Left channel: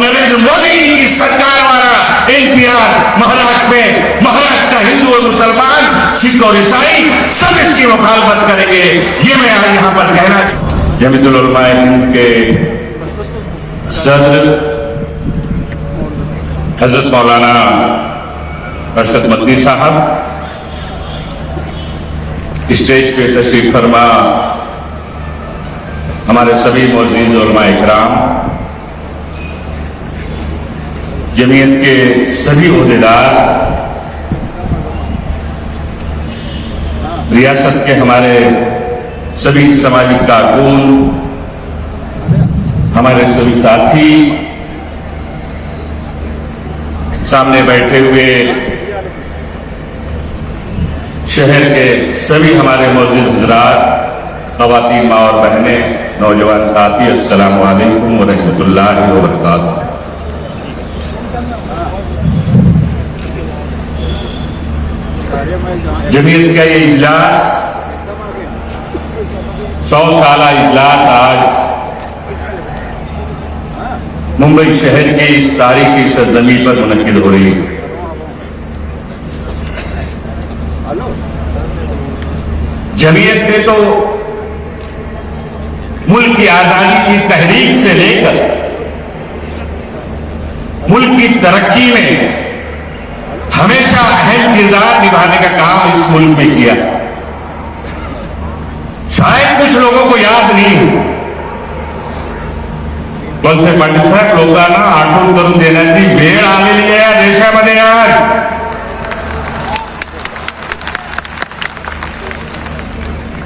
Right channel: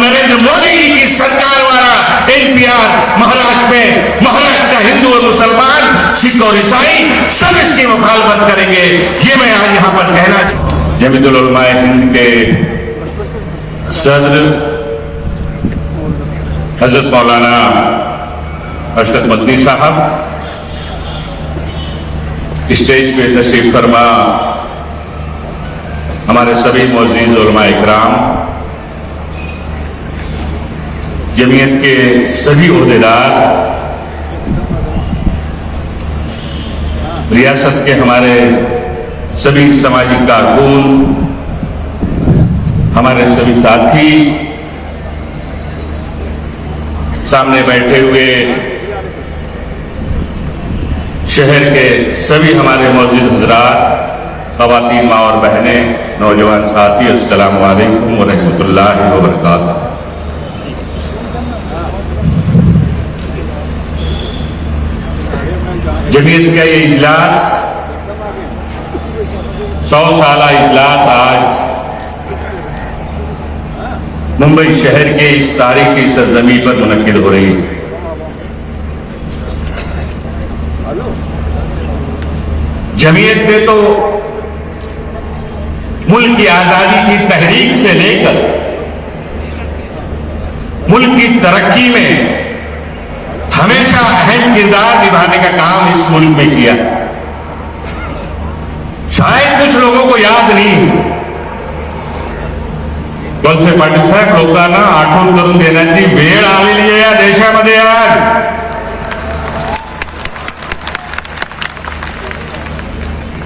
नरेंद्र मोदी जी की सरकार वाला एनपीआर महाराष्ट्र में, महाराष्ट्र का हिंदू और मुसलमान, सिख और ईसाई सब इसकी मुखालफत करेंगे। ये मैं आज यहाँ पर कहना। जमीयतुल उलमा हिंद के सदर हजरत मौलाना अरशद मदनी साहब, स्टेज पे तशरीफ फरमा हमारे सभी मौजूद उलमा इकराम, जमीयत के सभी ओहदेदार, रियासत के हमारे सभी समाजी कारकुन, हमारे सभी साथी, सामने बैठे हुए शहर के सभी हमारे मौजूद हजरात, ख़वातीन, माँ और बहनें, नौजवान साथी, अस्सलाम वालेकुम व रहमतुल्लाहि व बरकातुहू। जमीयत का ये इजलास 100 साला इजलास आज मुंबई शहर के इस तारीखी सरजमी पर मुनक्किद हो रही है। जमीयत ने तो मुल्क की आजादी की तहरीक से लेकर मुल्क की तरक्की में हमेशा अहम किरदार निभाने का काम इस मुल्क में किया। शायद कुछ लोगों को याद नहीं हो, वळसे पाटील साहेब लोकांना आठवण करून देण्याची वेळ आलेली आहे या देशामध्ये। आज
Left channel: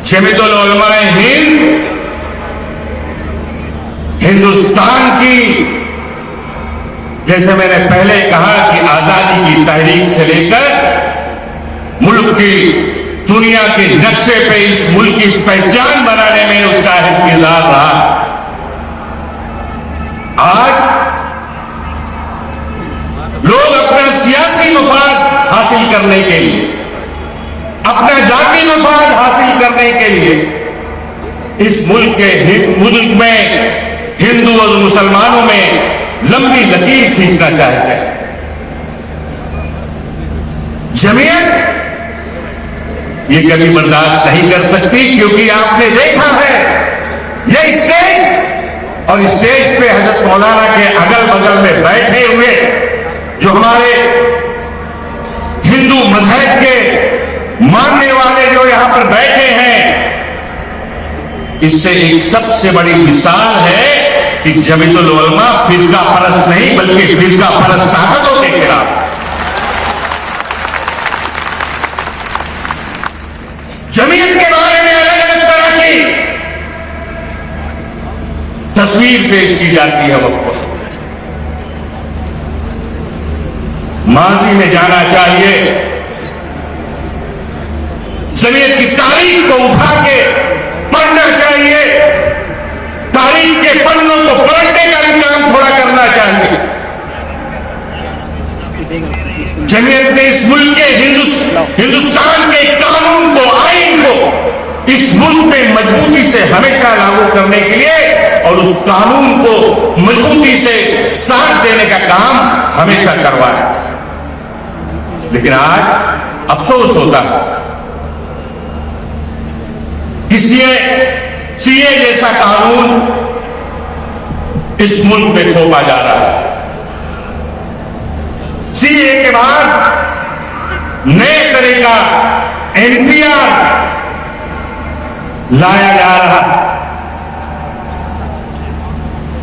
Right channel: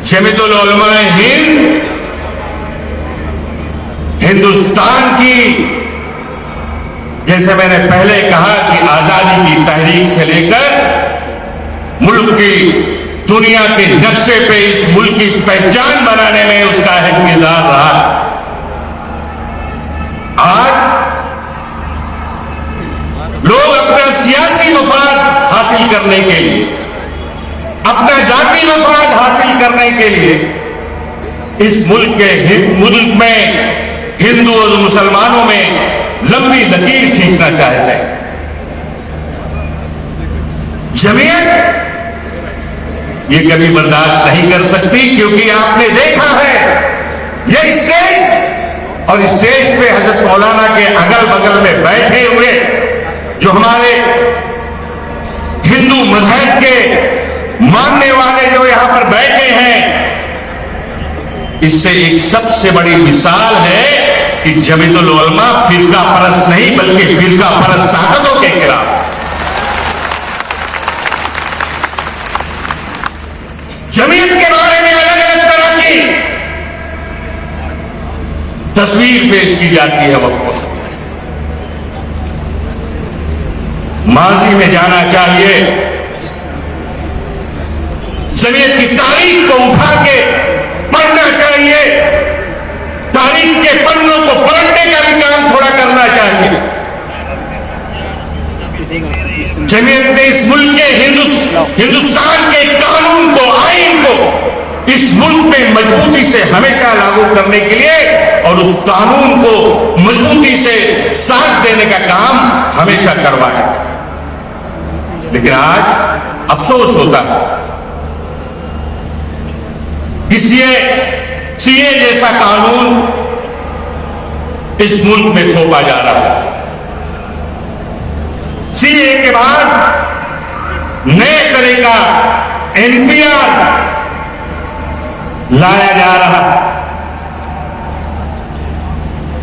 जमीयतुल उलमा हिंद हिंदुस्तान की, जैसे मैंने पहले कहा कि आजादी की तहरीक से लेकर मुल्क की दुनिया के नक्शे पे इस मुल्क की पहचान बनाने में उसका अहम किरदार रहा। आज लोग अपना सियासी मफाद हासिल करने के लिए, अपना जाति मफाद हासिल करने के लिए इस मुल्क में हिंदू और मुसलमानों में लंबी लकीर खींचना चाहते हैं। जमीयत ये कभी बर्दाश्त नहीं कर सकती, क्योंकि आपने देखा है ये स्टेज और स्टेज पे हजरत मौलाना के अगल बगल में बैठे हुए जो हमारे हिंदू मजहब के मानने वाले जो यहां पर बैठे हैं, इससे एक सबसे बड़ी मिसाल है कि जमीयतुल उलमा फिरका परस्त नहीं बल्कि फिरका परस्त ताकतों के खिलाफ। जमीयत के बारे में अलग अलग तरह की तस्वीर पेश की जाती है। वक्त माजी में जाना चाहिए, जमीयत की तारीख को उठा के पढ़ना चाहिए, तारीख के पन्नों को पलटने का भी काम थोड़ा करना चाहिए। जमीयत ने इस मुल्क के हिंदुस्तान के कानून को, आइन को इस मुल्क में मजबूती से हमेशा लागू करने के लिए और उस कानून को मजबूती से साथ देने का काम हमेशा करवाया। लेकिन आज अफसोस होता है कि सीए जैसा कानून इस मुल्क में थोपा जा रहा है। सीए के बाद नए तरह का एनपीआर लाया जा रहा है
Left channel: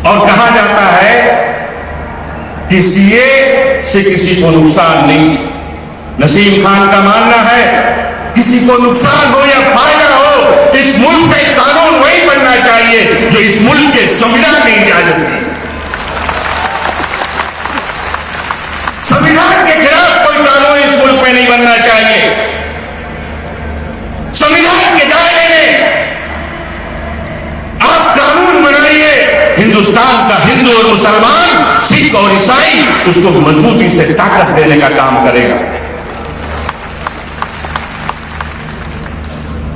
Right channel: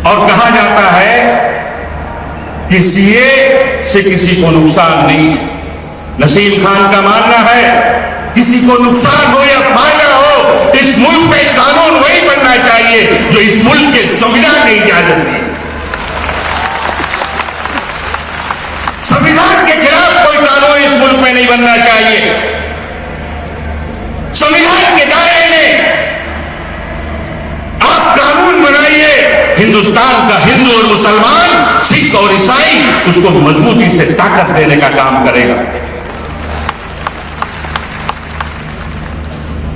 और कहा जाता है कि सीए से किसी को नुकसान नहीं। नसीम खान का मानना है किसी को नुकसान हो या फायदा हो, इस मुल्क में कानून वही बनना चाहिए जो इस मुल्क के संविधान ने इजाजत दी। संविधान के खिलाफ कोई कानून इस मुल्क में नहीं बनना चाहिए। संविधान के दायरे में आप कानून बनाइए, हिंदुस्तान का हिंदू और मुसलमान, सिख और ईसाई उसको मजबूती से ताकत देने का काम करेगा।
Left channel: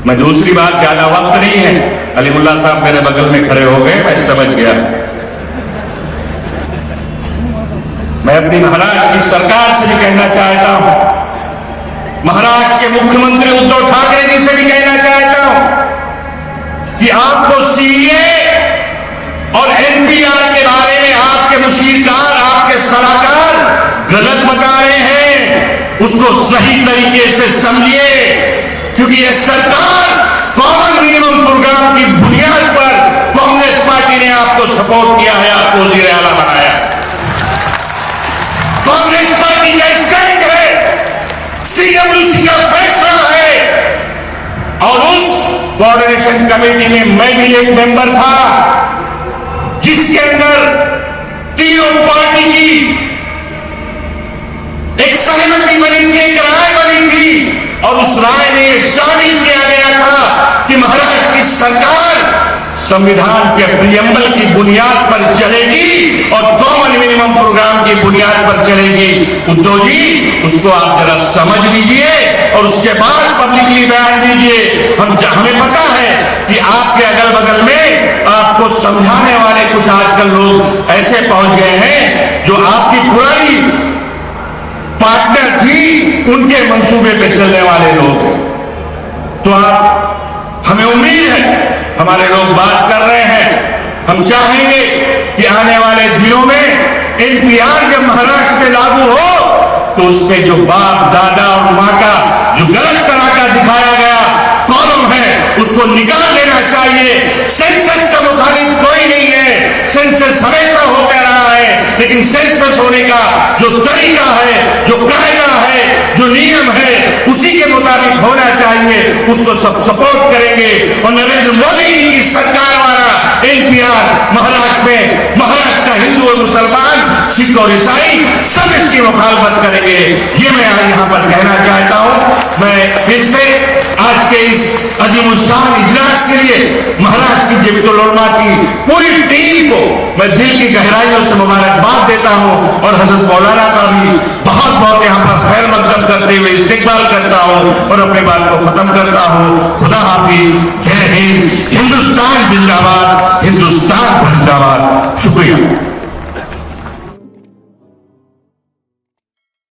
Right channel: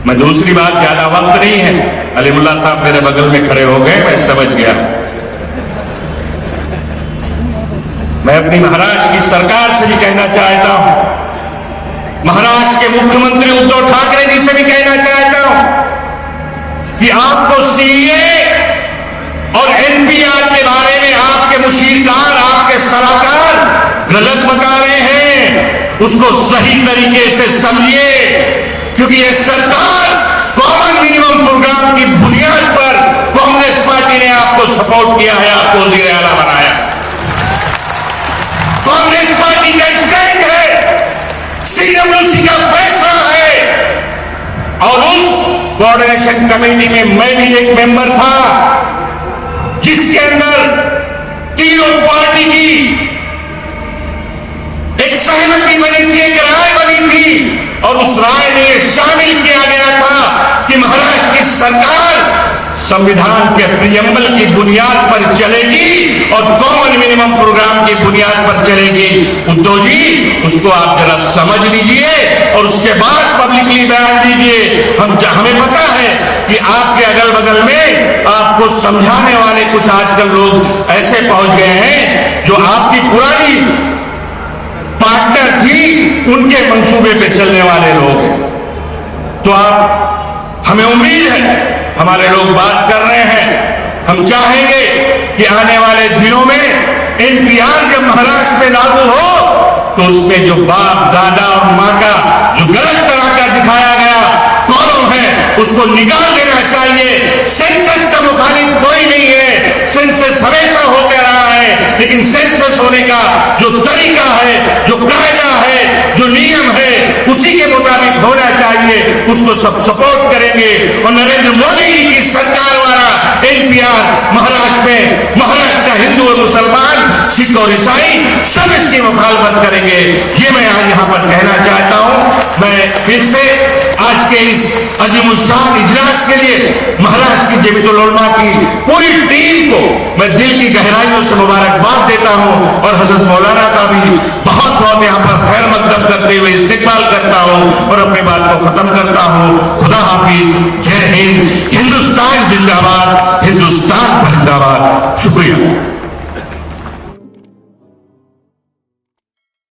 मैं दूसरी बात, ज्यादा वक्त नहीं है, अलीमुल्ला साहब मेरे बगल में खड़े हो गए, मैं समझ गया। मैं अपनी महाराष्ट्र की सरकार से भी कहना चाहता हूं, महाराष्ट्र के मुख्यमंत्री उद्धव ठाकरे जी से भी कहना चाहता हूं कि आपको सीए और एनपीआर के बारे में आपके मुशीरकार, आपके सलाहकार गलत बता रहे हैं, उसको सही तरीके से समझिए, क्योंकि यह सरकार कॉमन मिनिमम प्रोग्राम की बुनियाद पर कांग्रेस पार्टी ने आपको सपोर्ट किया है, आपको वजीर आला बनाया। कांग्रेस पार्टी का स्टैंड है, सीडब्ल्यूसी का फैसला है। और उस कोऑर्डिनेशन कमेटी में मैं भी एक मेंबर था, जिसके अंदर तीनों पार्टी की एक सहमति बनी थी, एक राय बनी थी, और उस राय में शामिल किया गया था कि महाराष्ट्र की सरकार संविधान के प्रियम्बल की बुनियाद पर चलेगी और कॉमन मिनिमम प्रोग्राम की बुनियाद पर चलेगी। उद्धव जी, उसको आप जरा समझ लीजिए और उसके बाद पब्लिकली बयान दीजिए। हमें पता है कि आपके अगल बगल में आपको समझाने वाले कुछ आजकल लोग ऐसे पहुंच गए हैं जो आपकी पुरानी पार्टनर थी, उनके मंसूबे पे चलने वाले लोग। तो आप, हमें उम्मीद है, हमारे लोग बात कर रहे हैं, हम चाहेंगे कि आने वाले दिनों में एनपीआर जब महाराष्ट्र में लागू हो तो उसमें जो बाप, दादा और माँ का जो गलत तरह का दिखाया गया कॉलम है, उसको निकाल देना चाहिए। सेंसस का मुखालिफ कोई नहीं है, सेंसस हमेशा होता रहा है, लेकिन सेंसस होने का जो तरीका है, जो कायदा है, जो नियम है, उसी के मुताबिक होना चाहिए। उसको सब सपोर्ट करेंगे और नरेंद्र मोदी जी की सरकार वाला एनपीआर महाराष्ट्र में, महाराष्ट्र का हिंदू और मुसलमान, सिख और ईसाई सब इसकी मुखालफत करेंगे। ये मैं आज यहां पर कहना चाहता हूं। मैं फिर से आज के इस अजीमुशान इजलास के लिए महाराष्ट्र की जमीयतुल उलमा की पूरी टीम को मैं दिल की गहराइयों से मुबारकबाद देता हूं और हजरत मौलाना का भी बहुत बहुत यहां पर खैर मकदम करते हुए इस्तेकबाल करता हूं और अपनी बात को खत्म करता हूं। खुदा हाफिज, जय हिंद।